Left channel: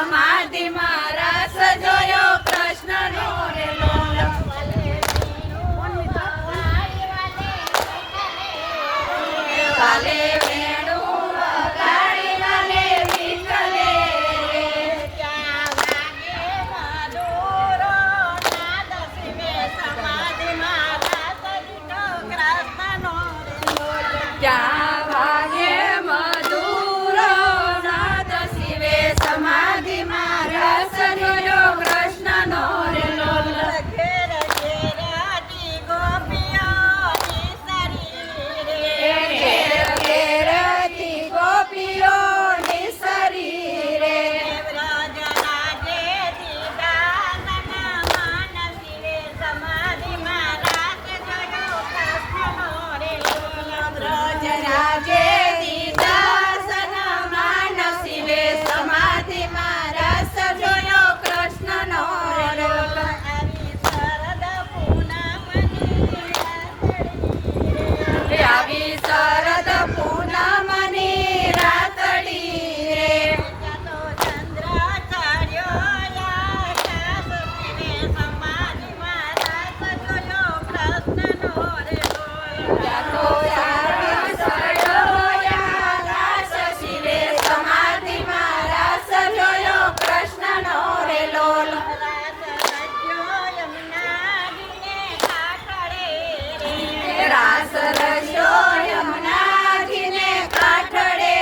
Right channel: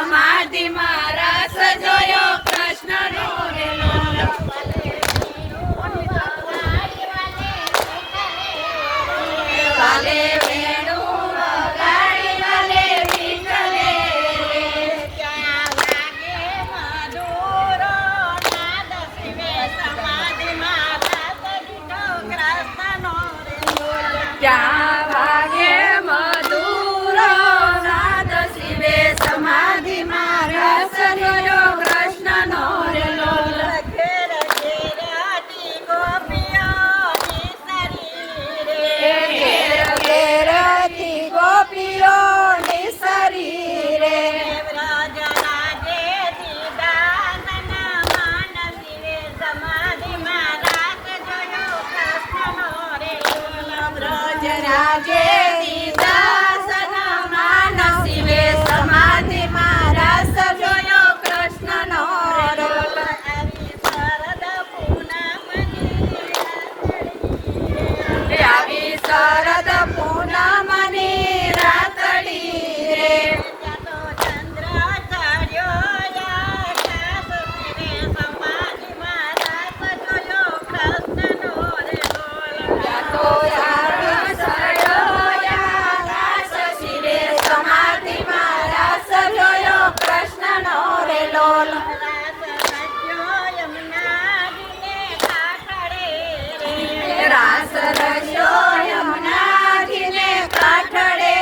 સમાધિમાં રસ જોયો કૃષ્ણનો રે લોલ વાલે વેણુ વગાડી વાલે વિઠ્ઠલે રે ક્યાં વાગે મધુરો નાદ શિવે સમાધિમાં રસ જોયો કૃષ્ણનો રે લોલ ક્યાં વાગે મધુરો નાદ શિવે સમાધિમાં રસ જોયો કૃષ્ણનો રે લોલ ઘેર ઘેરાતી ગોપીઓની શરીરે ઘેર ઘેરથી ગોપીઓની શરીરે વ્રજ લાગે દીદાનના માનસીરે સમાધિમાં રાસ જોયો કૃષ્ણનો રે લોલ વ્રજ રાગે દીદાસના માન શિવે સમાધિમાં રસ જોયો કૃષ્ણનો રે લોલ આવી શરદ પૂનમની રાતડી આવી શરદ પૂનમની રાતડી રે તો ચંદ્ર ચડ્યો આકાશ શિવે સમાધિમાં રાસ જોયો કૃષ્ણનો રે લોલ તો આકાશ શિવે સમાધિમાં રસ જોયો કૃષ્ણનો રે લોલ રાસ રચ્યો યમુનાજીને કાંઠળે રે રાસ રચ્યો યમુનાજીને કાંઠળે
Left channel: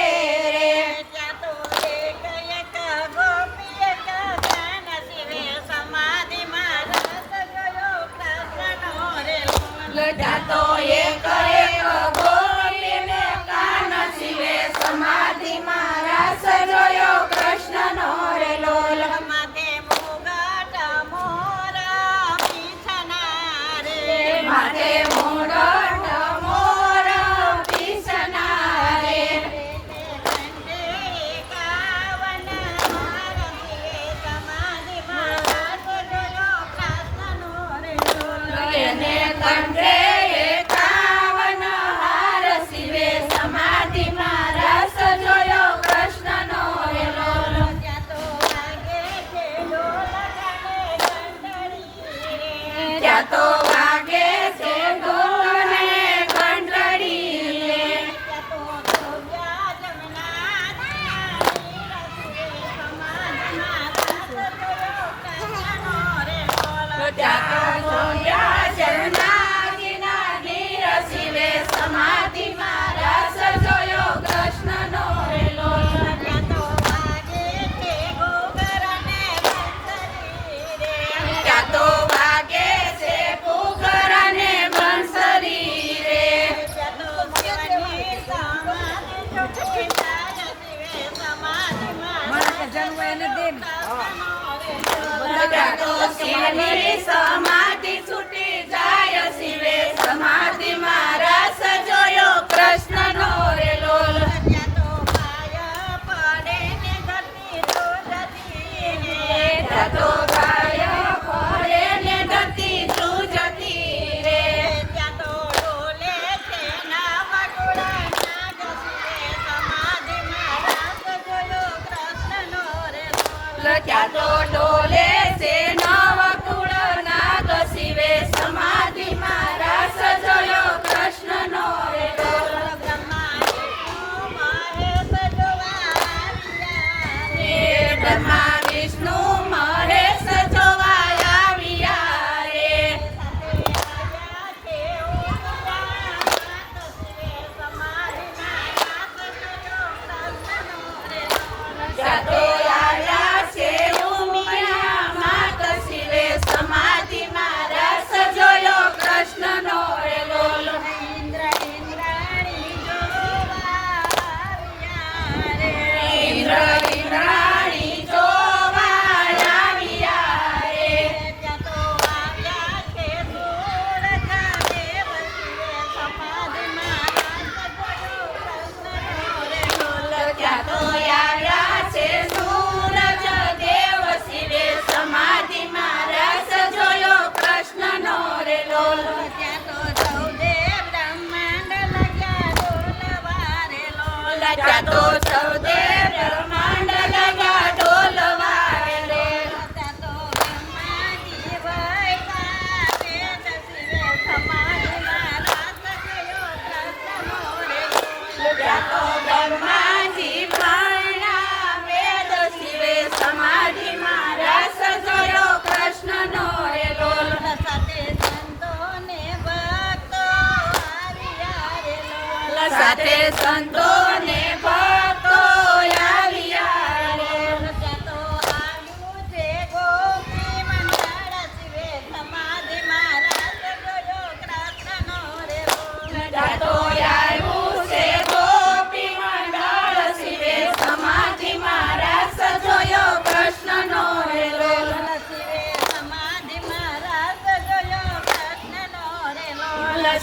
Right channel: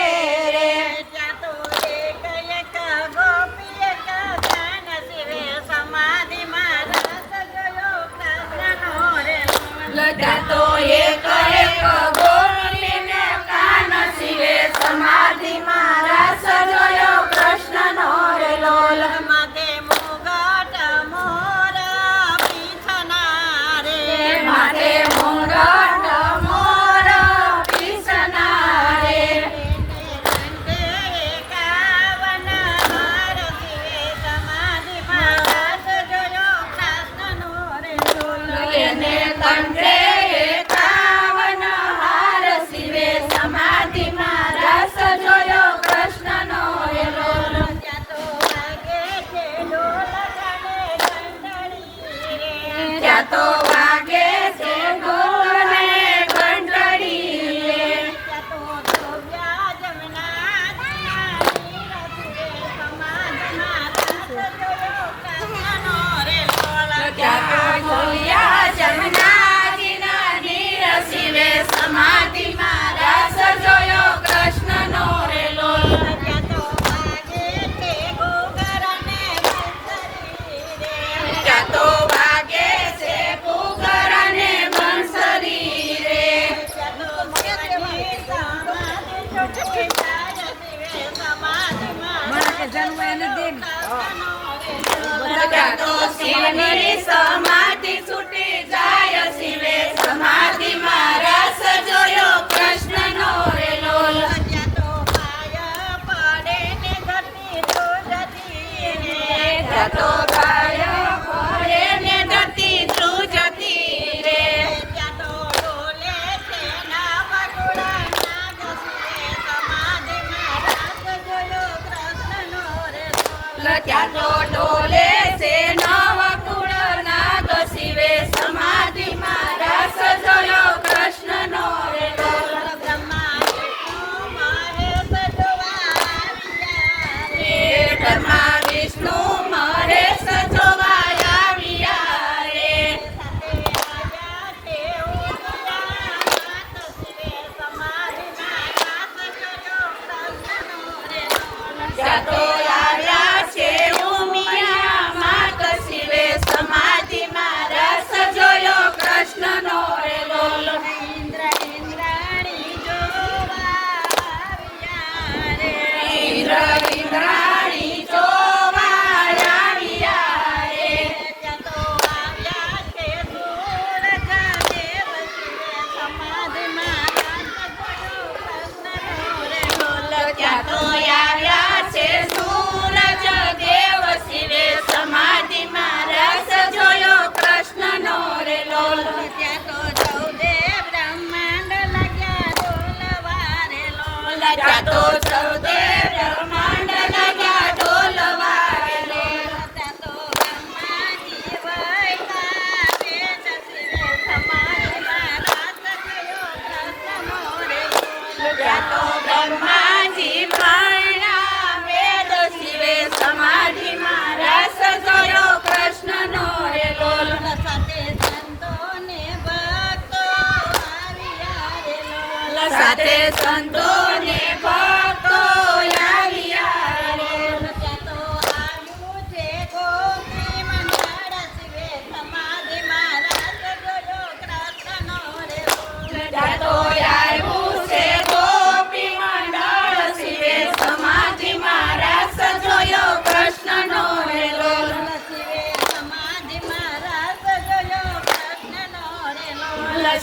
રે ત્યાં તો એક એક ગોપી એક ધ્યાન શિવે સમાધિમાં રસ જોયો કૃષ્ણનો રે લોલ ત્યાં તો એક એક ગોરીને કાન શિવે સમાધિમાં રસ જોયો કૃષ્ણનો રે લોલ માથે મુગટ મોર પીછના રે માથે મુરટ મોર પીસના રે રંગે એકાવન હાર શિવે સમાધિમાં રસ જોયો કૃષ્ણનો રે લોલ એને કંઠે એકાવન હાર શિવે સમાધિમાં રસ જોયો કૃષ્ણનો રે લોલ ત્યાં તો વાગે છે ઢોલ ગાડે ઘંટડી રે ત્યાં તો વાગે છે ઢોલ અને ઘંટડી રે ત્યાં તો ધોળ્યા જમનાજીના નીર શિવે સમાધિમાં રસ જોયો કૃષ્ણનો રે લોલ ત્યાં તો જોયા જમનાજીના નીર શિવે સમાધિમાં રસ જોયો કૃષ્ણનો રે લોલ ત્યાં તો વાગે છે ઘૂઘર અને બંસરી રે ત્યાં તો વાગે છે ઘૂઘર અને બંસરી રે ત્યાં તો શિવની સમાધિ છૂટી જાય શિવે સમાધિમાં ત્યાં તો શિવની સમાધિ છૂટી જાય શિવે સમાધિમાં રસ જોયો કૃષ્ણનો રે લોલ ત્યાં તો પાય પડે ને ધરતી ધ્રુજતી રે ત્યાં તો ગાય ફરે ને ધરતી ધ્રુજતી રે ત્યાં તો ડોલે છે નાવકુળા નાગ શિવે સમાધિમાં રસ જોયો કૃષ્ણનો રે લોલ ત્યાં તો ડોલે છે નવકુળ નાગ શિવે સમાધિમાં રસ જોયો કૃષ્ણનો રે લોલ બ્રહ્મા વિષ્ણુ મહેશ જોવા આવ્યા રે ત્યાં તો આવ્યા છે ઉમિયા માત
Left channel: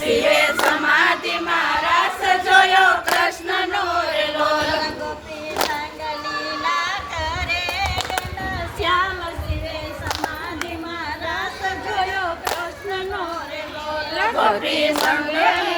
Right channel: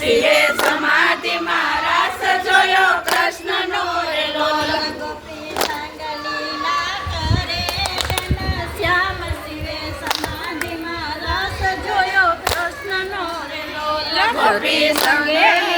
શિવે સમાધિમાં રાસ જોયો કૃષ્ણનો રેલો ગોપી સંગલીલા કરે ઘનશ્યામ શિવે સમાધિમાં રસ જોયો કૃષ્ણનો રેલો ગોપી સંગે